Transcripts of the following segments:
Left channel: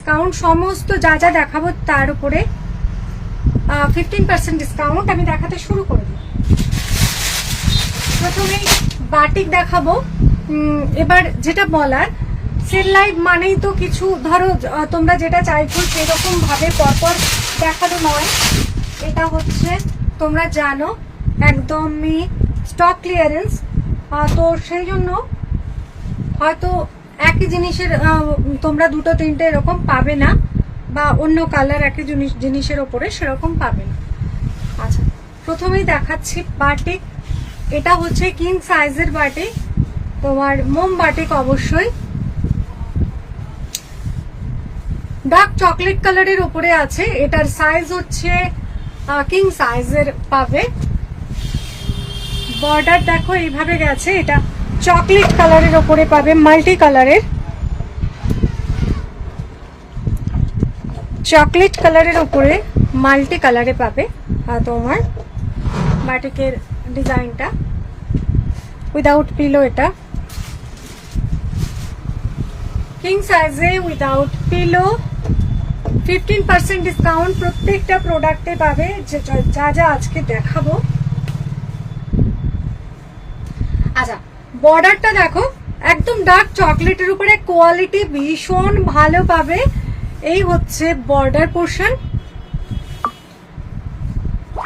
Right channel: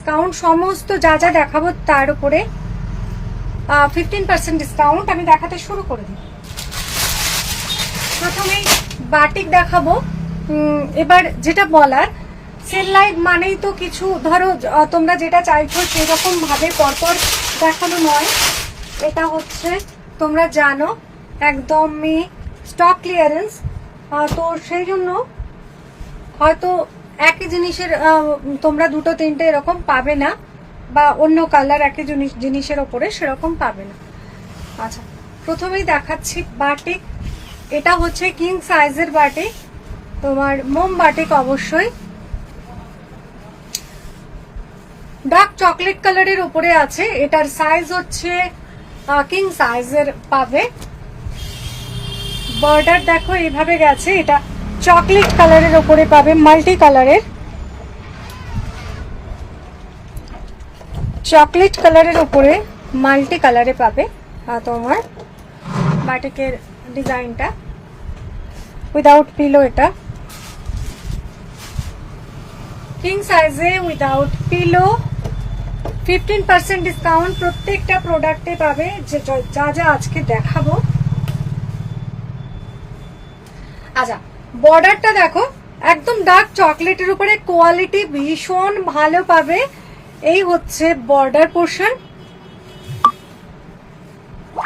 Discount সমস্ত যা যা দেখাবো তার উপরে 15% ডিসকাউন্ট আমি দেখাতে শুরু করে দিই। প্রথমেই বাটিক দেখাবো। এবার যেটা বলার, সেল লাইভ মানেই তো কিছু ধরো তোমরা যেটা চাইছো সেরকম ভাবে পরপর দেখানো নয়। এটা হচ্ছে তোমরা জানো একদমই স্টক ক্লিয়ারেন্স, তো সেই জন্য হয়তো একই জিনিসের তোমরা দুটো তিনটে এরকম পাবে না, বা অন্য কালার একই জিনিসের ওপরে সেরকম পাবে না। আচ্ছা, প্রথমেই দেখাচ্ছি বাটিক। এটা হচ্ছে কিং সাইজের বাটিক, তোমার মোম বাটিক অবশ্যই ডার্ক চকলেট কালারের উপরে আছে। এটার সাইজ হচ্ছে কিং সাইজের পাবে। বর্ডার দেখো এইভাবে গেছে, এটা চকলেট কালারের উপরে পাবে, মাল্টি কালারের চকলেট কালারের উপরে মাল্টি কালারে পাবে তোমার বাটিকের ডিজাইনটা উইদাউট পিলো। এটা কিং সাইজে উইদাউট পিলো, 15% ডিসকাউন্ট প্রত্যেকটা প্রোডাক্টে পাবে যা যা আজকে দেখাবো। আচ্ছা, বর্ডারটা দেখো একদম ডার্ক চকলেটের উপরে, কোয়ালিটি ভীষণ ভালো পাবে। এই হচ্ছে বর্ডার পোর্শন,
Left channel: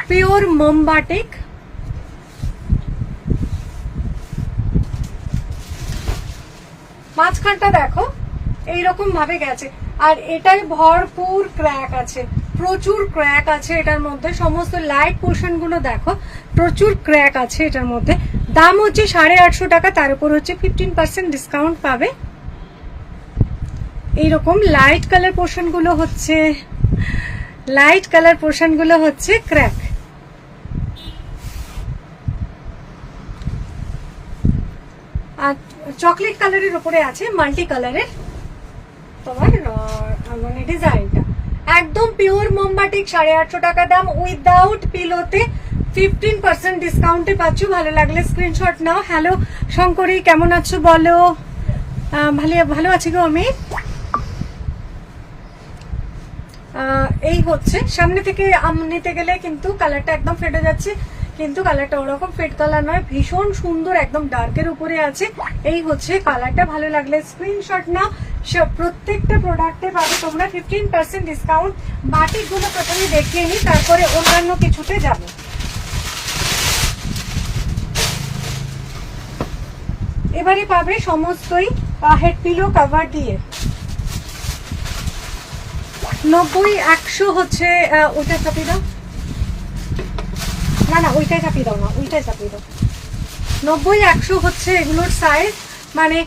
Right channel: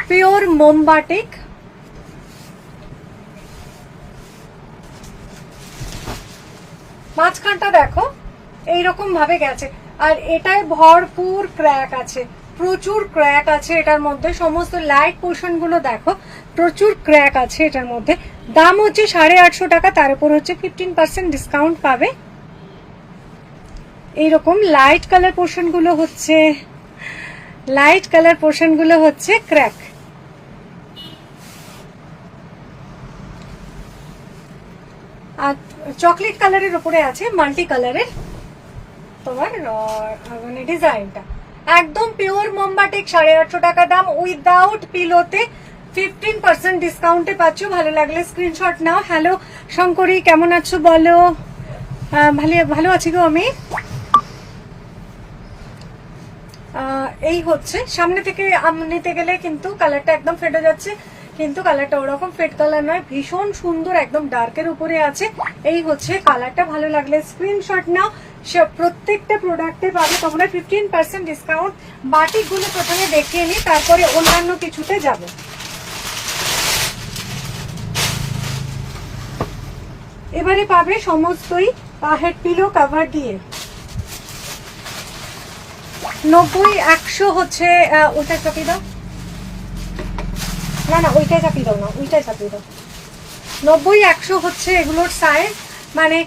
পিওর মোম বাটিক। মাঝখানটা দেখো এইরকম ভাবে গেছে, আর এটায় ভরপুর ক্র্যাক আছে, প্রচুর ক্র্যাক আছে এটার মধ্যে। সমস্ত লাইট পোর্শন গুলো দেখো, প্রচুর ক্র্যাক আছে এটার মধ্যে। দাম হচ্ছে 850 টাকা, তার উপর হচ্ছে 15% ডিসকাউন্ট পাবে। এইরকম লাইট কালার পোর্শন গুলো হচ্ছে ক্র্যাক। চকলেট কালারের উপরে আছে মাল্টি কালারের তোমার মানে ডিজাইনটা একদম পিওর মোমবাটিক। 850 টাকা দাম, উইদাউট পিলোতে 15% ডিসকাউন্টে পাচ্ছ। ভালো লাগলে স্ক্রিনশট নাও। হ্যালো শঙ্করী, কেমন আছো বলো? ভালো আছি গো আমি। এই হচ্ছে সামনে থেকে নিতে গেলে কিন্তু কালারটা একদম ফেটে যাচ্ছে, কিন্তু কালারটা ওরকম ফেড কালার নয়, ভীষণ সুন্দর, একদম ডার্কের উপরে আছে। এই হচ্ছে কালারটা, ভালো লাগলে স্ক্রিনশট নাও। প্রত্যেকটা প্রোডাক্টে পাবে তোমরা 15% ডিসকাউন্ট। বাটিক গুলো প্রথমে দেখিয়ে নি, তারপরে অন্যান্য কিছুতে যাব। এবারে পাবে সমস্তই হেড পিলো কভার দিয়ে। 90-100 হচ্ছে ওইটা চাপিয়ে দাও, না ওইটাই চাপিয়ে দাও, 90-100 হচ্ছে এগুলোর সাইজ, মানে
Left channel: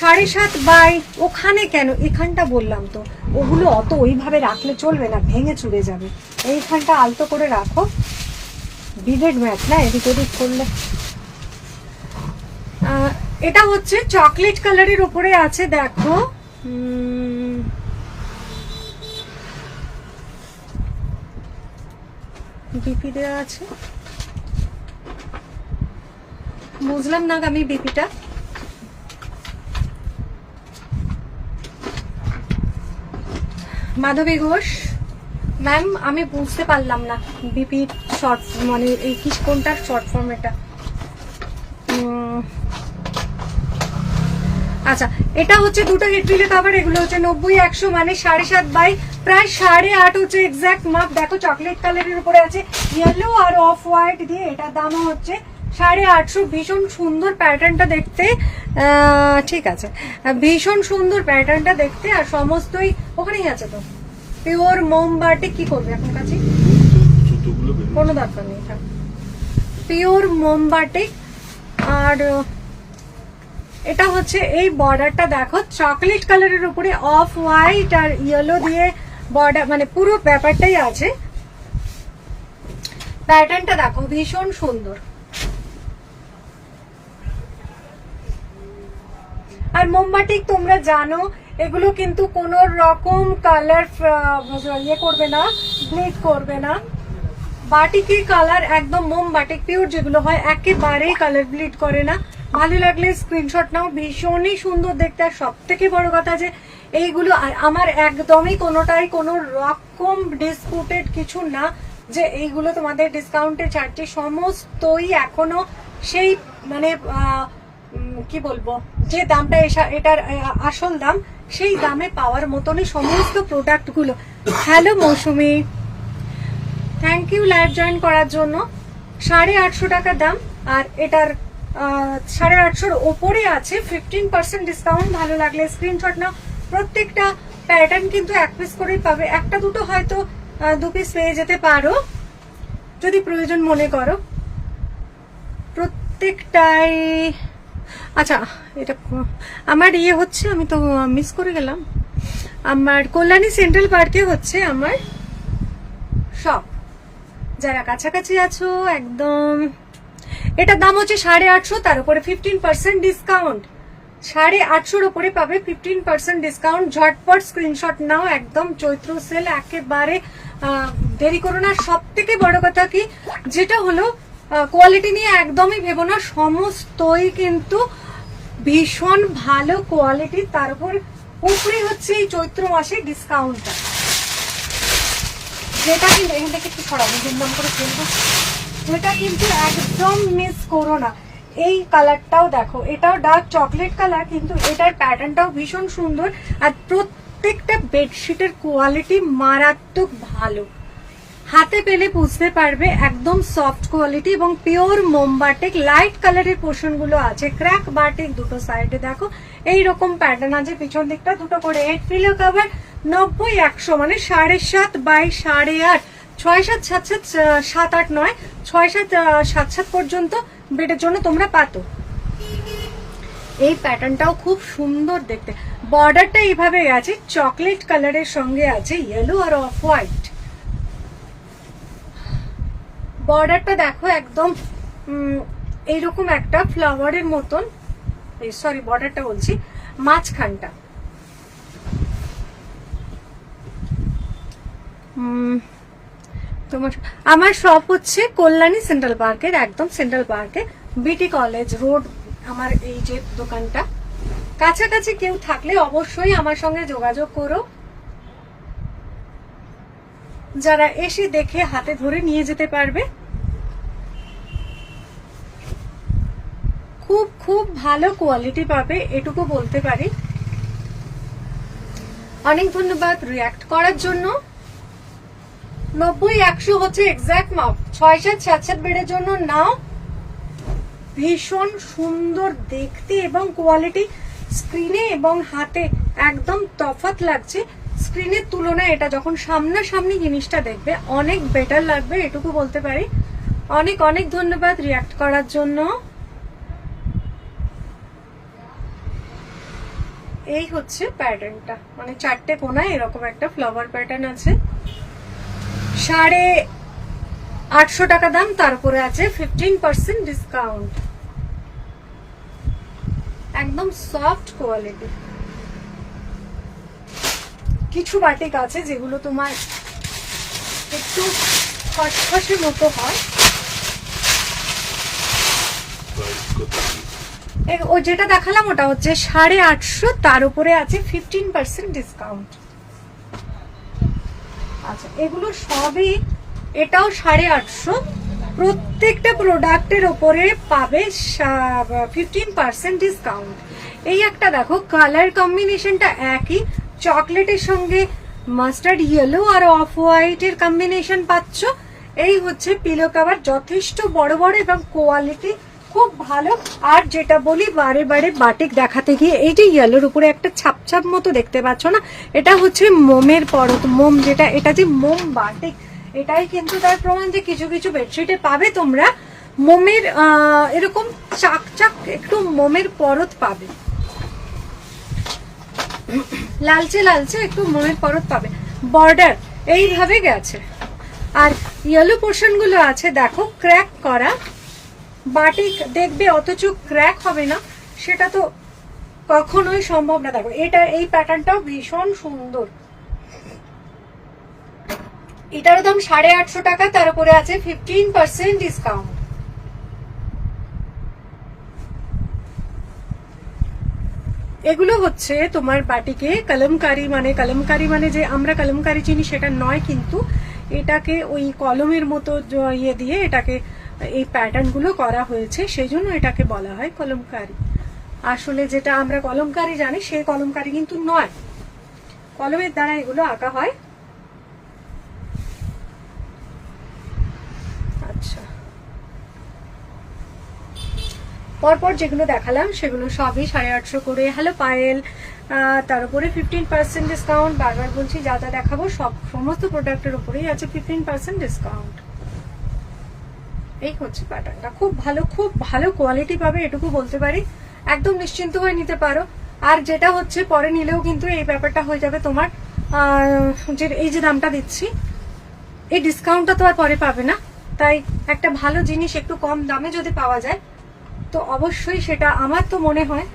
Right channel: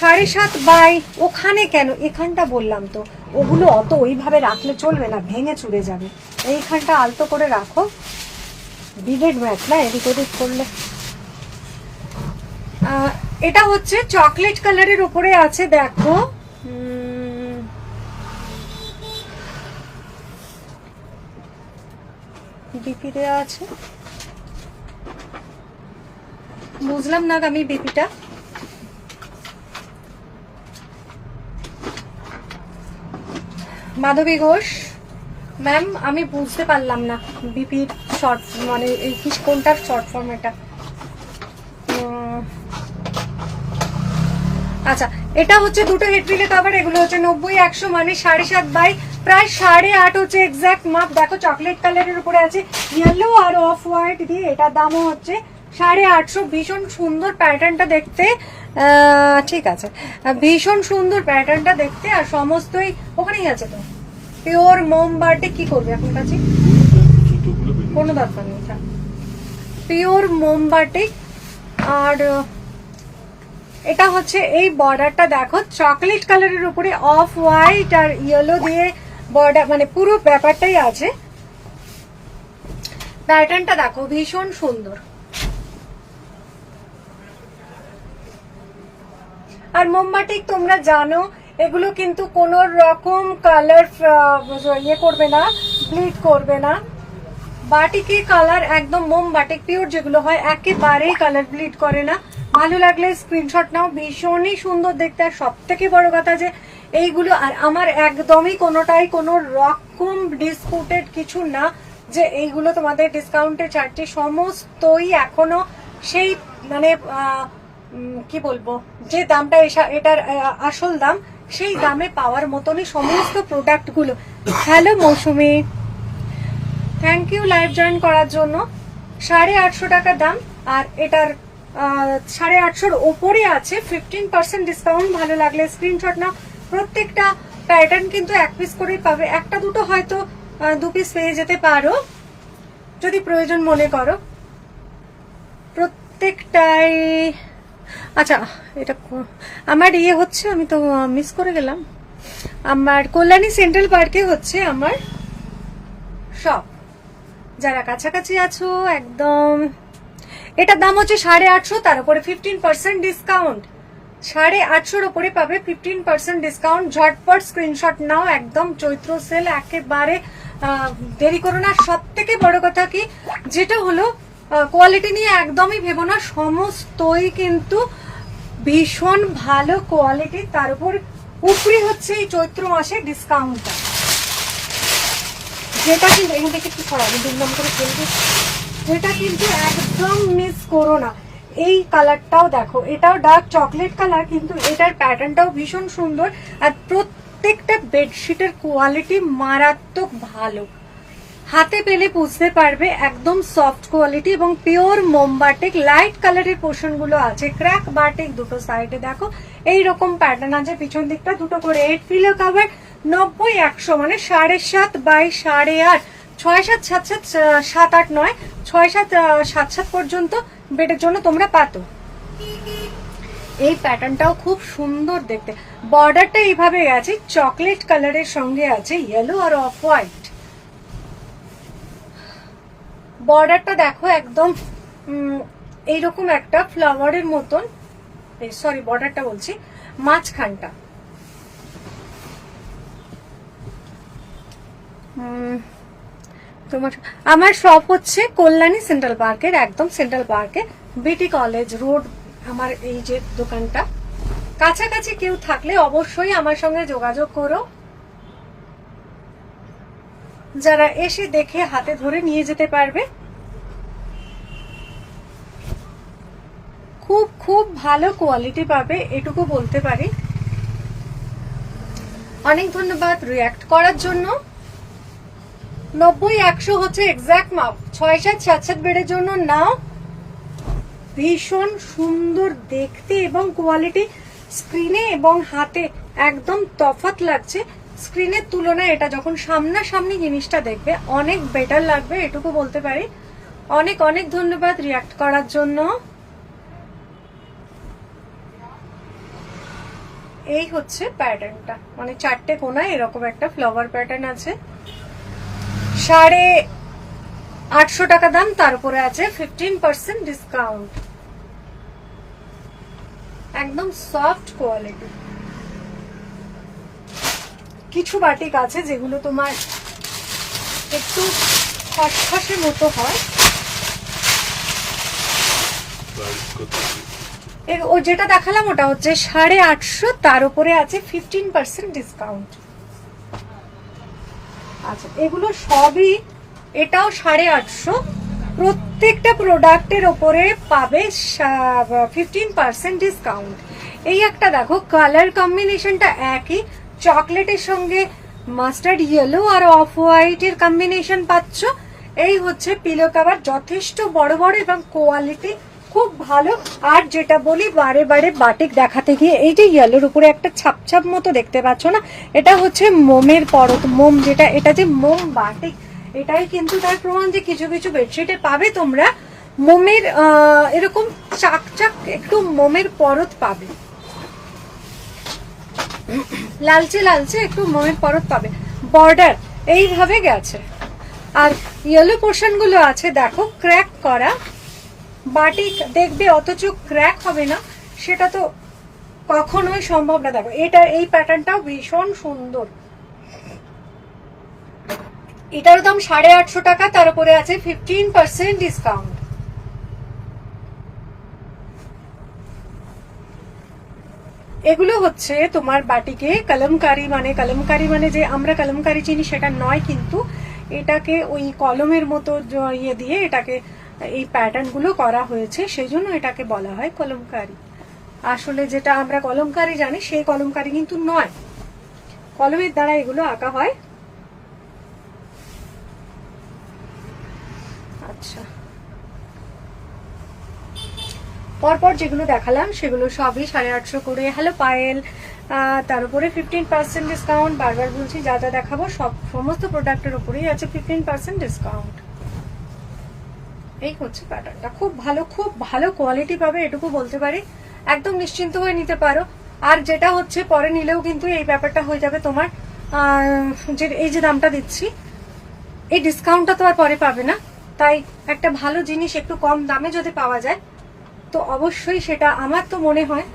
7.5 বাই। ওখানে কেন, এখানটা বললাম তো, ওগুলো অত ওইভাবে রাখলে চলবে না, ভেঙে চুড়ে যাবে। এইখানটা আলতো করে রাখো, বিডেড ম্যাট না, এদিক ওদিক করলে। এটা হচ্ছে চকলেট কালারের উপরে আছে, দেখো বিপি দেওয়া আছে, বুঝলাম না আমি বিপিটা। মাধবী ঘোষ ম্যাম, আমি বুঝতে পারলাম না বিপি শর্ট মানে এই কি কোনটার শর্ট ফর্ম এটা। আচ্ছা, এটা হচ্ছে দুটো হেডপিলে কভার। এগুলো হচ্ছে 90-100 মানে 7.5 বাই প্রায় 8.5 হচ্ছে এক্সাক্ট মাপ। দেখো চকলেট কালারের উপরে আছে ইয়েলো আর অফ হোয়াইট দিয়ে। এটার দামও হচ্ছে 850। ভীষণ সুন্দর প্যাটার্নটা দেখতে, ঠিক আছে, ভীষণ সুন্দর প্যাটার্নটা দেখতে। আর সমস্তই ওখানেই আছে তো, পিওর মোমবাটিক। কি করবে এখন কাছে, কোনো দরকার নেই, পিওর মোমবাটিক। আর এটা হচ্ছে এই বর্ডারটা দেখো চকলেট কালারের উপরে অফ হোয়াইট আর ইয়েলো দিয়ে বর্ডার, মানে পুরো ব্যাপারটাই আছে। প্যাটার্নটা দেখো ভীষণ সুন্দর। আর মোমবাটিক তোমরা জানো এগুলো কিন্তু কোন রকম কালার ইয়ে করবে না, ব্লিড করবে না। বাটিকের কালার একদম মোমবাটিক পিওর যেগুলো হয় একেবারেই কালার ব্লিড করে না। ভালো লাগলে স্ক্রিনশট নাও, ভীষণই সুন্দর দেখতে। আর সব থেকে বড় কথা যে এইগুলো আর আমার একদমই কোনোটাই কোনো রকম ডিসপুটেড কিছু না যে এইগুলো তোমাদের ডিসকাউন্টে ছাড়ছে, সমস্তই এখনো সেই মানে কি বলবো যে দামটা এটার আসল দাম সেই দামে পাওয়ার মতনই সমস্ত প্রোডাক্ট গুলো। Hello Mousumi, thank you live join করার জন্য। 850 টাকা দাম আর এটার 850-র ওপরে আছে 15% ডিসকাউন্ট। ভালো লাগলে স্ক্রিনশট নাও। প্রত্যেকটা প্যাটার্ন কিন্তু 1 পিস করেই পাবে, একটা দুটো হয়তো 2 পিস পেয়ে যেতে পারো যদি প্রয়োজন মনে করো। প্রত্যেকটাই আচ্ছা এটা আমার হচ্ছে, আমি তো মিস করে গেলাম। আমার কল্যাণী সেন্ট্রাল পার্কে হচ্ছে আমার শপ, যারা কাছাকাছি আছো একদম। এটার দাম হচ্ছে 850, তার উপরে 15% ডিসকাউন্ট। 850-র উপরে পাবে 15% ডিসকাউন্ট। ঝটপট স্ক্রিনশট নাও, একদম চৈত্র সেল একেবারে দেরি করো না। সব থেকে বড় কথা কি যেটা হলো কোয়ালিটি নিয়ে একদমই ভেবো না, সমস্তই কিন্তু ভীষণ ভালো কোয়ালিটি। তার উপর উপরি হচ্ছে এই চৈত্র মাসে ডিসকাউন্টটা, যেটা কিন্তু এখান থেকে একটু ছড়াবে দুর্গম করে ফেলবে, যেটা কিন্তু একদম মিস করো না। এই কালারটাও দেখো, এটাও ডার্ক চকলেট কালার, কিন্তু এটার প্যাটার্নটাও ভীষণ সুন্দর। আর প্রত্যেকটা বেডশিটের কোয়ালিটি মারাত্মক ভালো, হাতে পেলে বুঝতে পারবে একদম সফট কোয়ালিটি এবং পিওর মোম বাটিক। লাইট কালারের পোর্শন গুলো আছে, ক্র্যাক বাটিক দুটো সাইডে দেখো এইরকম প্যাটার্ন আছে, পিছন দিকটা দুটো করে 8 পিলো কভার। 90-100 মানে 7.5 বাই 8.5, 6-7, 7-8 নয় 6-7 পর্যন্ত বেডের জন্য তোমরা পাতো। এই প্যাটার্নটাও খুব সুন্দর দেখতে, বর্ডারটা এইভাবে গেছে চকলেট কালারের সঙ্গে আছে ইয়েলো আর অফ হোয়াইট। বর্ডারটা দেখো একদম এইরকম একটা ফ্লাওয়ারের মতন, সরি বর্ডারটা বলছি মাঝখানটা। তোমার আমার শপ হচ্ছে কল্যাণী সেন্ট্রাল পার্কের, একদম সেন্ট্রাল পার্কে বিটি কলেজ রোড। আমার এই যে দোকানটা, কাছাকাছি কেউ থাকলে অবশ্যই আমার সঙ্গে যোগাযোগ করো, যারা এসে দেখে হাতে ধরে নিয়ে যেতে পারবে। খুব খুব ভালো কোয়ালিটি পাবে, এটুকু বলতে পারি। অনেক ধন্যবাদ রিঅ্যাক্ট করার জন্য। 90-100 হচ্ছে এক্সাক্ট মাপ, 6-7 বেডের জন্য নাও। ভীষণ সুন্দর দেখতে এবং কোয়ালিটি স্ক্রিনে এবং হাতে একদম তফাৎ লাগছে। স্ক্রিনের তুলনায় এটা যখন সামনাসামনি জিনিসটা দেখবে অনেক বেটার লাগবে, এটুকু বলতে পারি। অনেক অনেক ধন্যবাদ রিঅ্যাক্ট করার জন্য। এই হচ্ছে প্যাটার্নটা, মানে 4টে কোনায় এরকম একটা ফ্লাওয়ার প্যাটার্ন আছে। 850 টাকা দাম, তারপরে আছে 15% ডিসকাউন্ট। একদম সফট কোয়ালিটি। কিছু বাটিক আছে যেগুলো তোমার একটু খসখসে মতো হয়, ও যেটা দেখালাম ওটা হচ্ছে 850, তার উপরে আছে 15% ডিসকাউন্ট। আচ্ছা এগুলো সবই, এটাও 850, প্রত্যেকটা প্রোডাক্টের উপরে পাবে 15% ডিসকাউন্ট। এই একটা দেখো কালার কম্বিনেশনটা একই, চকলেটের সঙ্গে মাস্টার্ড ইয়েলো আর অফ হোয়াইট এর কম্বিনেশন পাচ্ছ। এই হচ্ছে পিলো কভার, যথেষ্ট বড় বড় এবং কোয়ালিটি খুব ভালো। আর যেটা বলি বারে বারে বাটিক দেখাতে গিয়ে, এই যে ইয়েলোর উপরে একটা ছাপ ছাপ মতো দেখতে পাচ্ছ না, এটা হচ্ছে মোমের পরত, মোম যেটা, এটা যে মোম বাটিক, এটাই কিন্তু তার প্রমাণ যে কিছু কিছু বেডশিটে পাবে তোমরা মোমের এরকম চাক চাক একটু মোমের পরত পাবে, লালচে লালচে একটু মোমের পরত পাবে। বর্ডার এইভাবে গেছে আর ইয়েলো পোর্শন গুলো আছে দেখো ক্র্যাক করা। বাটিক দেখবে অথচ ক্র্যাক হবে না, সেটা তো কখনোই সম্ভব না। দেখো এটা, এই প্যাটার্নটাও ভীষণ সুন্দর। এটার দাম 850 টাকা, তার উপরে আছে 15% ডিসকাউন্ট। এগুলো হচ্ছে তোমার বাটিকে কলমকারি, মানে যে আমরা কলমকারি চিনি সেটা নয়, কিন্তু এটাকে ওই কলমের মতো ইয়ে দিয়ে এটাকে এই প্যাটার্ন গুলো করা হয়েছে, সেই জন্য এটাকে বলা হয় কলমকারি। আসলে যেটা আমরা কলমকারি জানি সেই কলমকারি কিন্তু নয়, কলমের দ্বারা এগুলো আঁকা হয়। আচ্ছা, পরপর যেগুলো দেখালাম সেগুলো সবই 850 করে। হ্যালো পায়েল, তার উপরে 15% ডিসকাউন্ট। বারবার বলছি যা যা দেখাবো সমস্ত প্রোডাক্টের উপরেই আছে 15% ডিসকাউন্ট। এই হচ্ছে প্যাটার্নটা, খুব ভালো কোয়ালিটি পাবে, এটুকু বলতে পারি। একদম নিশ্চিন্ত হয়ে নিতে পারো। আর যেটা হচ্ছে পরে নিলেও কিন্তু এই ব্যাপারটা হয়ে যাবে তোমার, এই যে দামটা দিচ্ছি এই ডিসকাউন্টটা তো আর পরে পাবে না, তাই একটা ভালো জিনিস একটু কম দামে যদি পাওয়া যায় তো অবশ্যই সেটা আমার তো মনে হয়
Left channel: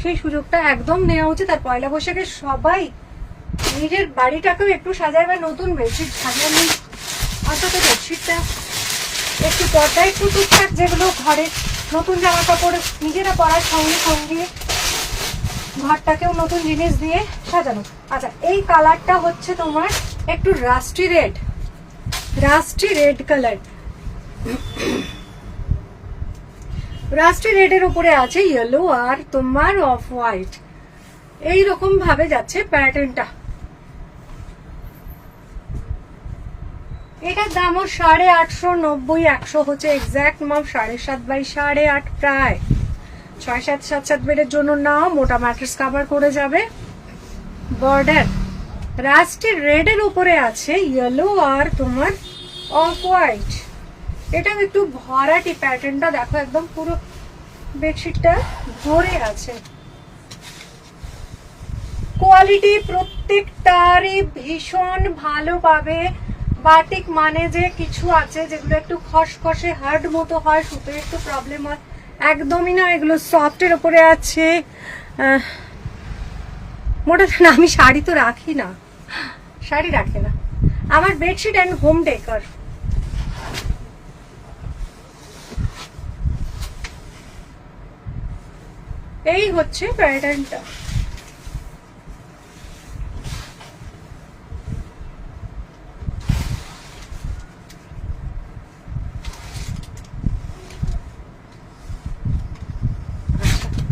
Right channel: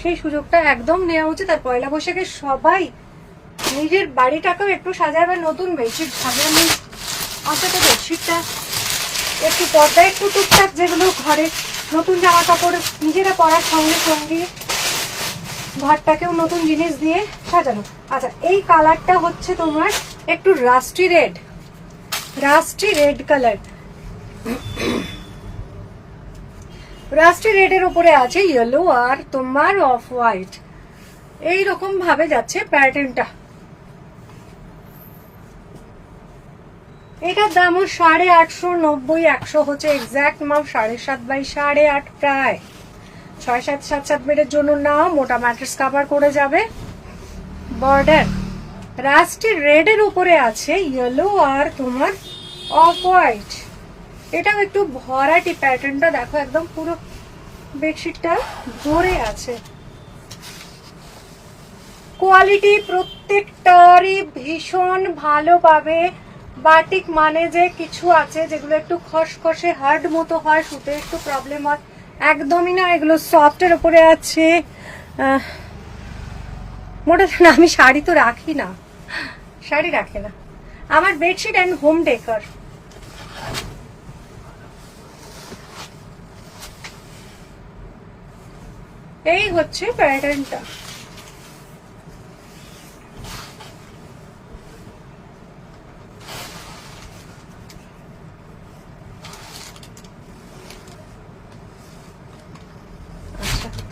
সেই সুযোগটা একদম নেওয়া উচিত। আর পয়লা বৈশাখে সবাই নিজের বাড়িটাকেও একটু সাজাবে, নতুন বেডশিট সাজানো, অন্তত বেডশিটটা একটু পর্দা, একটু টুকটাক যেগুলো ঘরে নতুন জামা কাপড় নিজেরা পরার সঙ্গে সঙ্গে ঘরটাকেও নতুন জিনিস দিয়ে সাজানো। আচ্ছা, এই কালারটা হচ্ছে তোমার একটু রাস্টি রেড কালার, রাস্টি রেডের উপরে আছে ইয়েলো আর তোমার অফ হোয়াইট, এইরকম ভাবে যাচ্ছে প্যাটার্নটা। এটার দামও 850, 90, 100 হচ্ছে এক্সাক্ট মাপ 7.5 বাই 8.5, প্রায় 6-7, 7-7 বেডের জন্য নাও, মোটা ম্যাট্রেস কভার করে যাবে। বর্ডার রাস্টি রেড এর উপরে আছে ইয়েলো আর তোমার অফ হোয়াইট, এটাও একটু ভরাটি প্যাটার্নটা দেখো, একদম পুরো বেডশিটটা ধরে আছে। কোয়ালিটি প্রত্যেকটারই ভীষণ ভালো পাবে। বাটিক মানে যে কিছু আছে যেগুলো একটু খসখসে হার্ড মতো হয়, শুতে একটু প্রবলেম হয়, একদমই না, এগুলো সফটের উপরে আছে। মোটা না, আমি শাড়ি তো রাখি না, শাড়ি রাখে না আমার বেডশিট অ্যান্ড হোম ডেকার। এই হচ্ছে প্যাটার্নটা।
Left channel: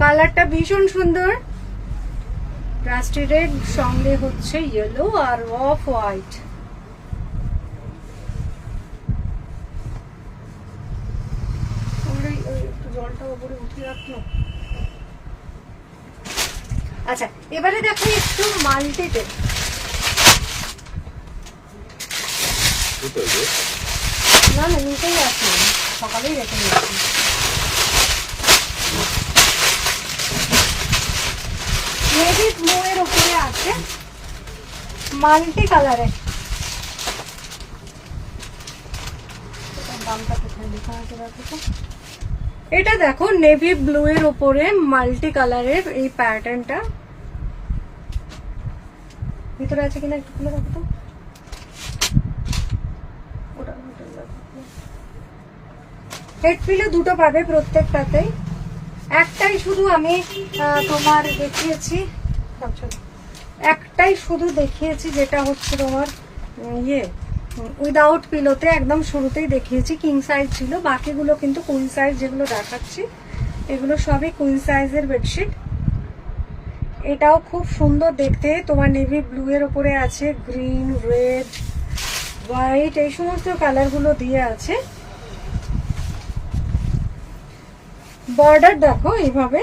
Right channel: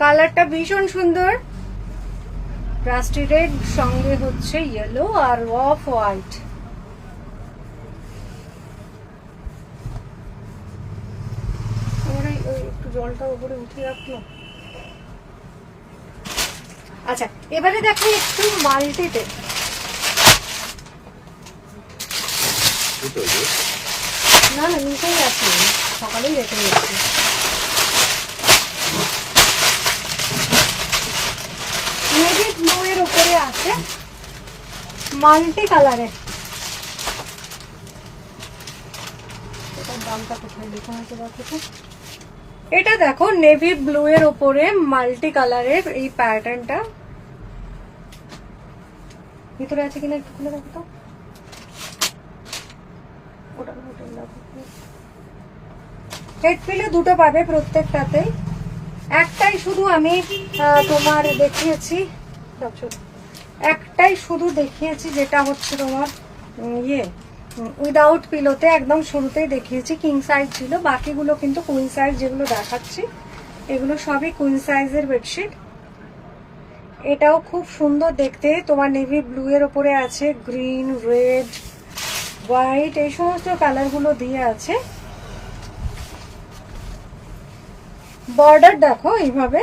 কালারটা ভীষণ সুন্দর, রাস্টি রেড সঙ্গে হচ্ছে ইয়েলো আর অফ হোয়াইট। একটু জলটা উপরে উঠে রাখলো। আচ্ছা, এবারে দেখো একটু মাল্টিতে, না নিচেই আছে, সকালেই রেখে নিচ্ছি। নেভি ব্লু এর উপরে আছে মাল্টি কালারে, এটার দামটা কোথায় লেখা আছে দেখো তো। এটা দেখো নেভি ব্লু এর উপরে মাল্টি কালারের এই প্যাটার্নটা, ভিতরে আছে কিনা একটু খুলে দেখো তো। হেড পিলো দুটো পাবে প্রত্যেকটাতেই, একটাই শুধু আমি তোমার দেখিয়েছি, যেটা হচ্ছে তোমার ইয়ে উইদাউট পিলোতে, একদম শুরুতেই দেখিয়েছি কিং সাইজ ছিল, বাকিগুলো কিন্তু কুইন সাইজ যেগুলো দেখাচ্ছি এগুলো সবই কুইন সাইজের বেডশিট। এটাও খুব সুন্দর দেখতে, তোমার নেভি ব্লু এর উপরে আছে গ্রিন, রেড, হোয়াইট, এই সমস্ত কালার গুলো দিয়ে আছে। বর্ডার দেখো এইভাবে,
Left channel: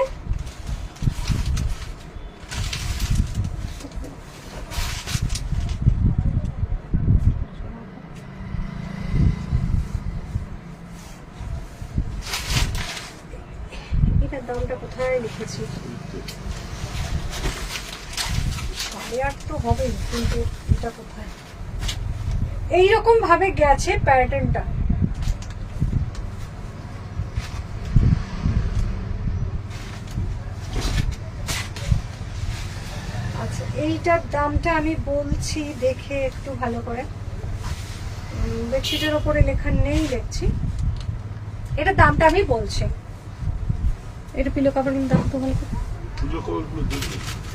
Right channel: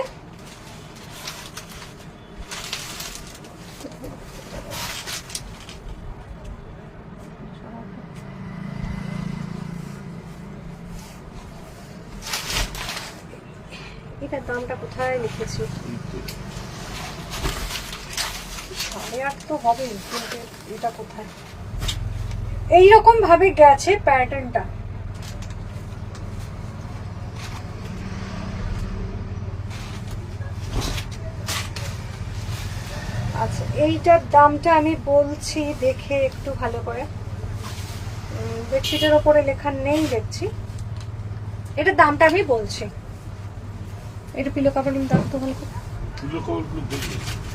এটার দামটা কোথায় লিখেছি, 8.5 তো হবে, কিন্তু এটা কোথায়, এইরকম ভাবে গেছে প্যাটার্নটা। আচ্ছা, এইটার দামটা আমি বলছি দেখে একটু ভালো করে, বেডশিটের ওপরে লেখা নেই দেখছি, এটার দামটা আমি বলছি। এটা পিলো কভারিং দাম তো ভালো করে ফুলের কভারগুলো দেখবে